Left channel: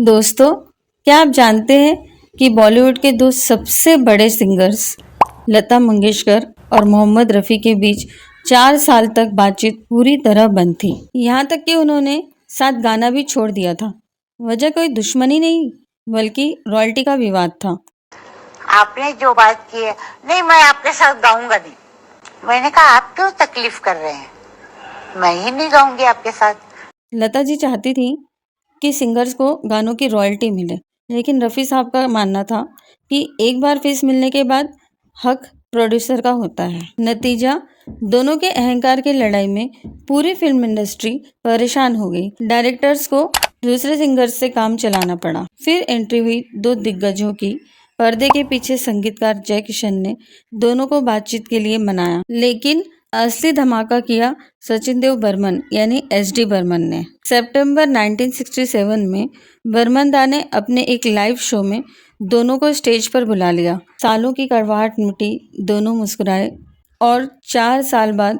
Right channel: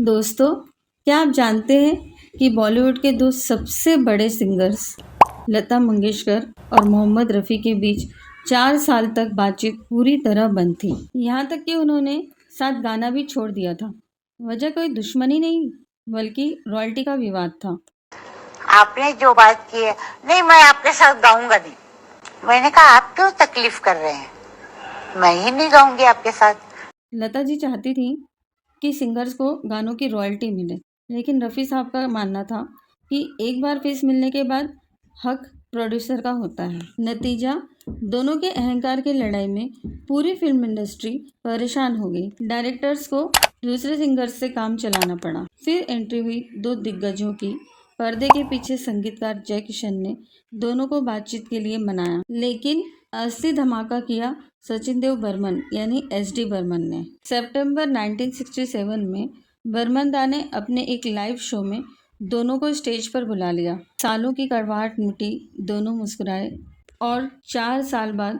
दोस्तों, क्या आप जानते हैं कि बॉलीवुड के दो सबसे बड़े सिंगर्स लता मंगेशकर और मोहम्मद रफ़ी के बीच 4 साल तक बातचीत पूरी तरह बंद थी। यहाँ तक कि उन्होंने साथ गाना भी छोड़ दिया था। वजह कोई दुश्मनी नहीं, बल्कि रॉयल्टी का विवाद था। आपने जो बात की है, नहीं मैं आपके साथ गाऊंगा नहीं। मैंने कहा आप क्यों तकलीफ कर रहे हैं, मैं ही नहीं गाऊंगी आपके साथ। लता जी चाहती थी कि सिंगर्स को गानों की रॉयल्टी मिले, लेकिन रफ़ी साहब का मानना था कि एक बार फीस मिलने के बाद हक प्रोड्यूसर का होता है। नतीजा, दोनों के अहंकार की लड़ाई में पूरी फिल्म इंडस्ट्री परेशान हो गई। डायरेक्टर्स को दूसरे सिंगर्स से काम चलाना पड़ा। फिर एंट्री हुई दो दिग्गजों की। पर्दे के पीछे संगीतकार जय किशन ने दोनों को बातचीत के लिए मनाया, लेकिन असली धमाका किया सचिन देव बर्मन यानी एसडी बर्मन ने। सितंबर 1967 में बर्मन दा ने अपने एक लाइव शो में दोनों को स्टेज पर बुला लिया। सालों की कड़वाहट मिटी, दोनों मुस्कुराए और 4 साल बाद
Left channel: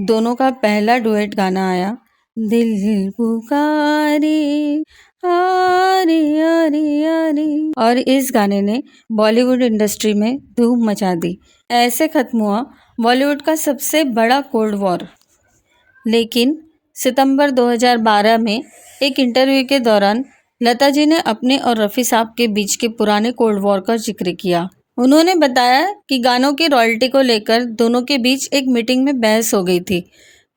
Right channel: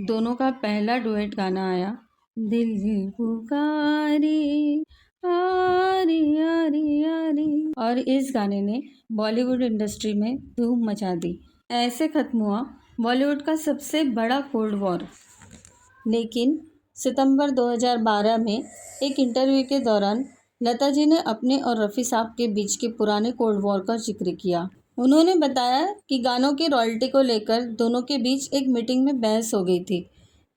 दोनों का पहला डुएट गाना आया, दिल पुकारे आरे आरे आरे। और इस गाने ने बॉलीवुड इंडस्ट्री में धूम मचा दी। ऐसे खत्म हुआ बॉलीवुड का सबसे बड़ा कोल्ड वॉर। लेकिन सितंबर 2012 में एक इंटरव्यू के दौरान लता जी ने अपने और रफ़ी साहब के बीच के पुराने कोल्ड वॉर का जिक्र किया। उन्होंने बताया कि गानों की रॉयल्टी को लेकर दोनों के बीच एक मीटिंग में बहस हो गई थी।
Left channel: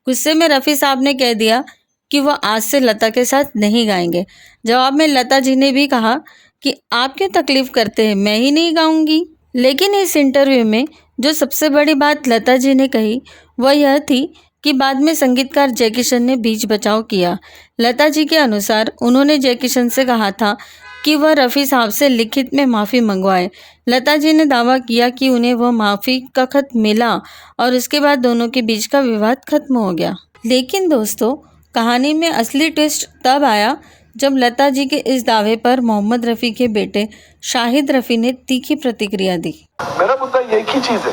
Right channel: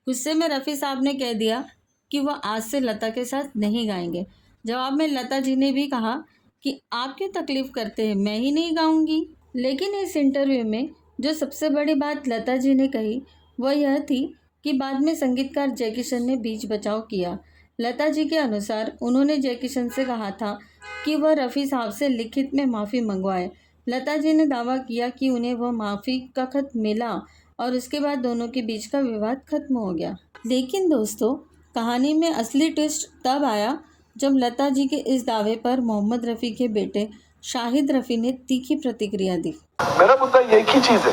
गुस्से में रफ़ी साहब ने कह दिया कि वह आज से लता के साथ नहीं गाएंगे। जवाब में लता जी ने भी कहा कि आप क्यों तकलीफ करते हैं, मैं ही नहीं गाऊंगी। लेकिन इस इंटरव्यू में जो सबसे बड़ी बात लता जी ने कही वह यह थी कि बाद में संगीतकार जय किशन ने बीच बचाव किया। लता जी के अनुसार उन्होंने जय किशन से कहा था कि वह रफ़ी साहब से लिखित में माफ़ी मंगवाए। लता जी ने दावा किया कि उन्हें वह माफ़ी का खत मिला और उसके बाद दोनों के बीच का विवाद खत्म हो गया। लेकिन दोस्तों, कहानी में असली ट्विस्ट तब आया जब लता जी के इस दावे पर मोहम्मद रफ़ी के बेटे शाहिद रफ़ी ने तीखी प्रतिक्रिया दी। मेरा मुद्दा एक ही चीज़ है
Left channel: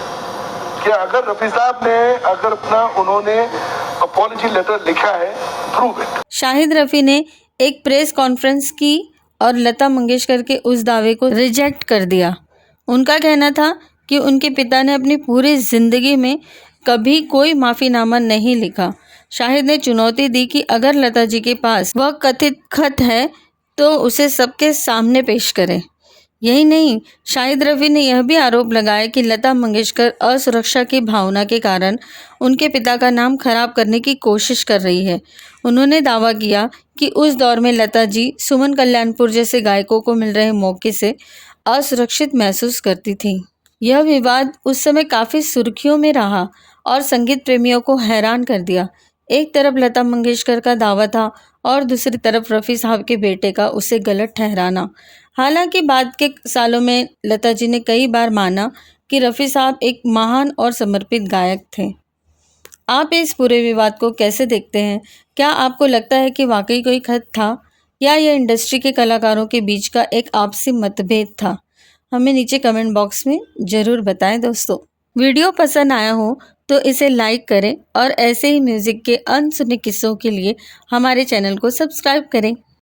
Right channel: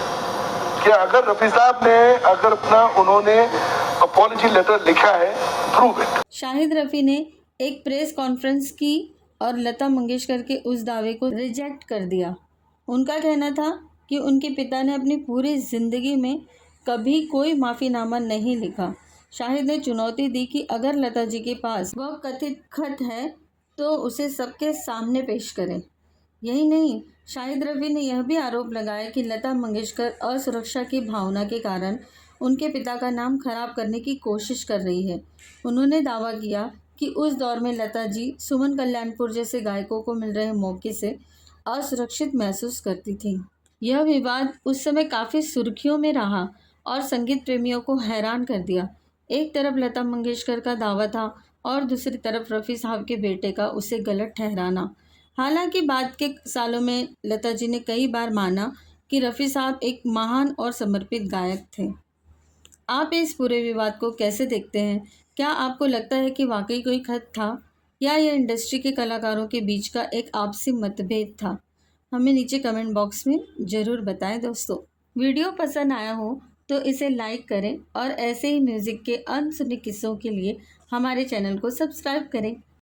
कि अगर रफ़ी साहब ने उन्होंने अपॉलजी लेटर लिखा है, प्रूव इट। शाहिद रफ़ी ने एक प्रेस कॉन्फ्रेंस की और लता मंगेशकर के उस दावे को रिजेक्ट कर दिया। उनका कहना था कि उनके पिता ने अपनी पूरी ज़िंदगी में कभी कोई माफ़ीनामा नहीं लिखा। शाहिद ने चुनौती दी कि अगर लता जी के पास वह कथित खत है तो उसे सबके सामने पेश करें। यही नहीं, शाहिद रफ़ी ने यह भी आरोप लगाया कि लता मंगेशकर असुरक्षा की भावना के कारण उनके पिता का नाम खराब करने की कोशिश कर रही है। उन्होंने दावा किया कि उस दौर में लता जी सुमन कल्याणपुर जैसे गायकों को मिल रहे मौके से असुरक्षित महसूस करती थी। यह विवाद उस समय काफ़ी सुर्खियों में रहा और संगीत प्रेमियों को हैरान कर दिया। एक तरफ लता मंगेशकर का दावा था और दूसरी तरफ रफ़ी साहब के बेटे का उसे गलत ठहराना। हालांकि बाद के सालों में लता जी ने कई बार माना कि रफ़ी साहब एक महान और समर्पित गायक थे। आप इस पूरे विवाद को कैसे देखते हैं? क्या आपको लगता है कि वाकई कोई खत था या यह इंडस्ट्री के कलाकारों के बीच का एक आपसी मतभेद था? हमें नीचे कमेंट बॉक्स में ज़रूर बताएं दोस्तों। वीडियो पसंद आया हो तो इसे लाइक करें और ऐसे ही म्यूज़िक के अनसुने किस्सों के लिए हमारे चैनल को सब्सक्राइब करें।